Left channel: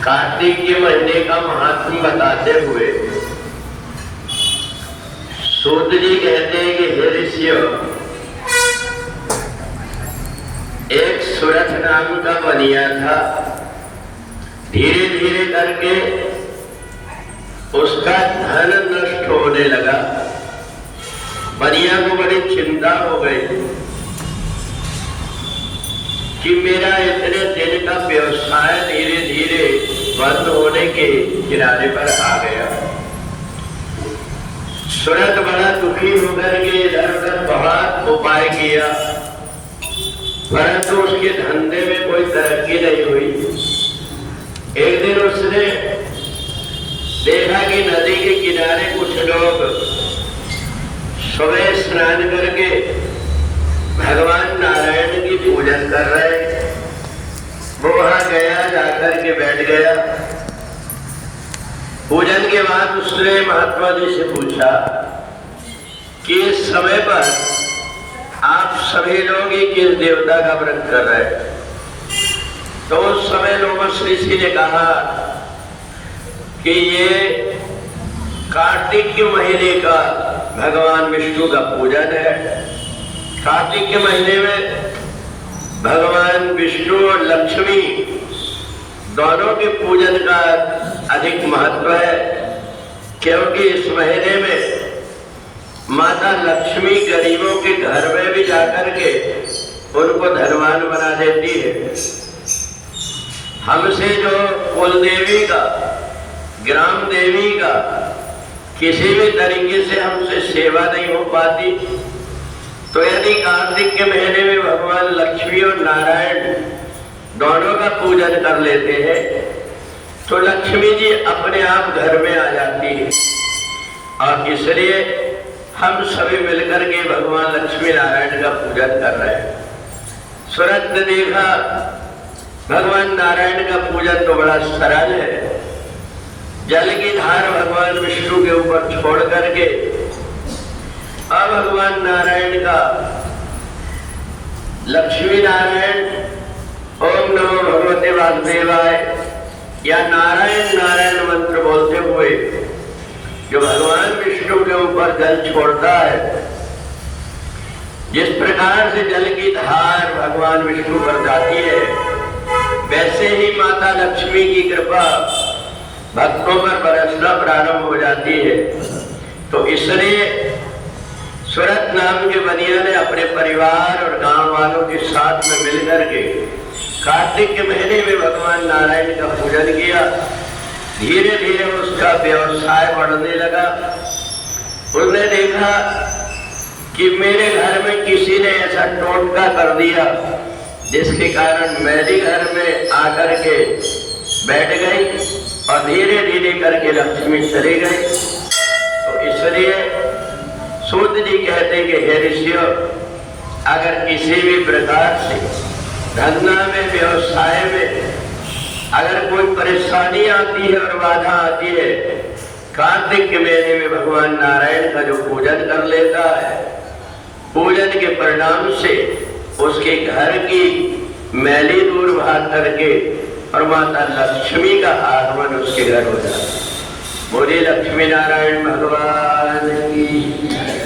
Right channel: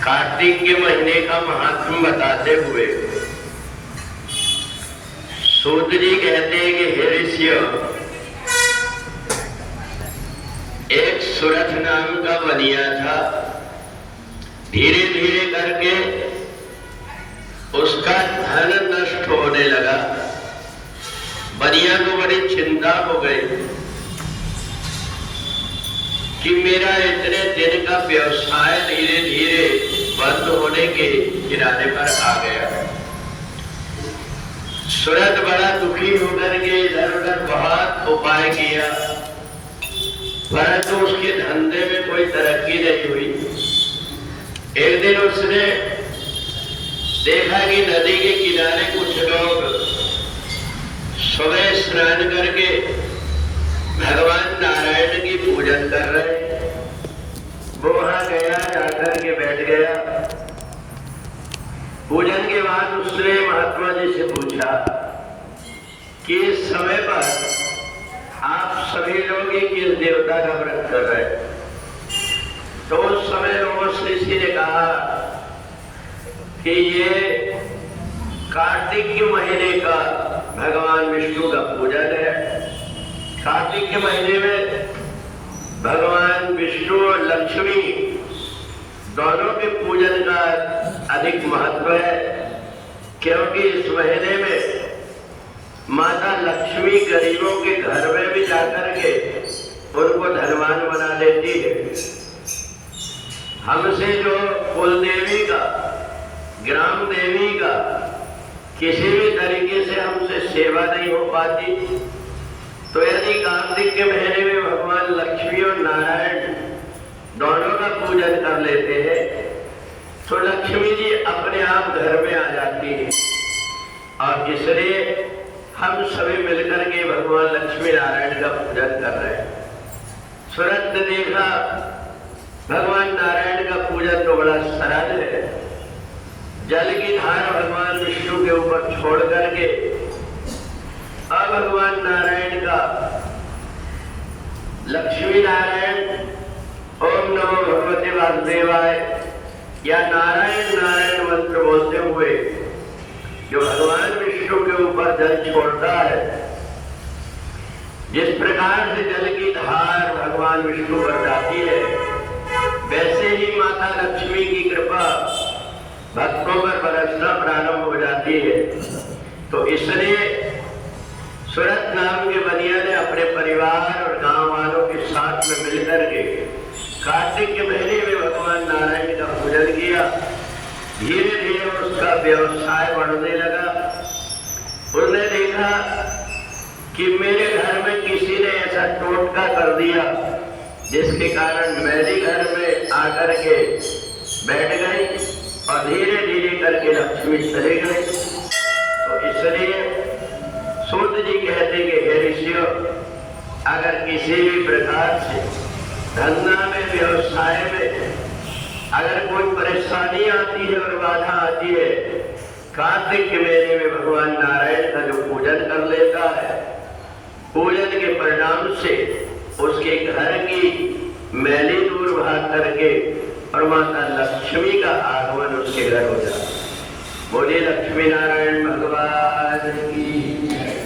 कार्तिक के महीने का महात्म बताते हुए सूत जी कहते हैं कि हे ऋषियों, एक सुरथ नाम का बनिया था। धीरे धीरे करके उसका धन नष्ट होने लगा। बनिया को बड़ी चिंता हो गई कि मेरा इतने दिन का व्यवसाय धीरे धीरे बंद होने के किनारे पर आ गया। सूरत बड़ा दुखी होकर के इधर उधर बहुत उपाय किया, परंतु उसके धंधे में कोई तरक्की नहीं हुई। एक दिन उसने देखा कि नदी के किनारे कुछ लोग सुबह स्नान करके भगवान नारायण की पूजन कर रहे। वो वहां गया, जाकर के बैठ गया। पूजन के बाद उसने महात्मा जी से पूछा कि इस समय पर आप सभी लोग ही किस देवता का व्रत कर रहे हैं? तो उस समय लोगों से ऋषि ने कहा कि ये कार्तिक के महीने का भगवान विष्णु का पूजन है। कार्तिक के महीने में भगवान विष्णु और लक्ष्मी दोनों के पूजन का अधिक महत्व है, क्योंकि इस महीने में माता लक्ष्मी गरीबों के घर में भी जाकर के उनको धनवान बना देती है। हमसे जो कुल देवी का, ग्राम देवी का किसी भी तरीके से हमसे सेवा नहीं हो पाती, तो यदि कार्तिक के महीने में भगवान लक्ष्मी और नारायण दोनों का पूजन कर लेते हैं तो लक्ष्मी जी अपने आप घर में आ जाती है। और इसलिए हम सभी मिलकर के भगवान लक्ष्मी नारायण का पूजन कर रहे हैं। सूरत ने देखा भगवान नारायण का पूजन तो बड़ा सरल है। जल की धार भगवान विष्णु के ऊपर छोड़ करके अब भगवान नारायण का लक्ष्मी नारायण ओम नमो भगवते वासुदेवाय या नारायण नारायण मंत्र बोलते हुए जो भगवान विष्णु के ऊपर जल छोड़ता है, जिस प्रकार से जल की धार भगवान विष्णु पर जाती है, वैसे ही माता लक्ष्मी की कृपा भक्तों पर बरसना प्रारंभ हो जाती है। तो इसलिए सूरत नाम के बनिया ने अपने परिवार और गांव वालों के साथ में मिलकर के कार्तिक के महीने में भगवान नारायण का पूजन किया। धीरे धीरे उसका व्यवसाय बढ़ने लगा। उसने देखा कि मेरे घर में किसी ने ऐसा टोटका कर दिया जिसके कारण मेरे घर में आकर के बैठ गई और धीरे धीरे करके लक्ष्मी चली गई। तो इसलिए सूत जी कहते कि हे ऋषियों, अगर किसी भी प्रकार से धंधा में, व्यवसाय में अगर कोई परेशानी आती है और बाधा आती है, कार्तिक के महीने में भगवान नारायण का जो पूजन कर लेता है, पूजन के परिणाम से उसके घर की मैली दूर भाग करके और माता लक्ष्मी का आगमन उसके घर हो जाता है। बोलिए लक्ष्मी नारायण भगवान की।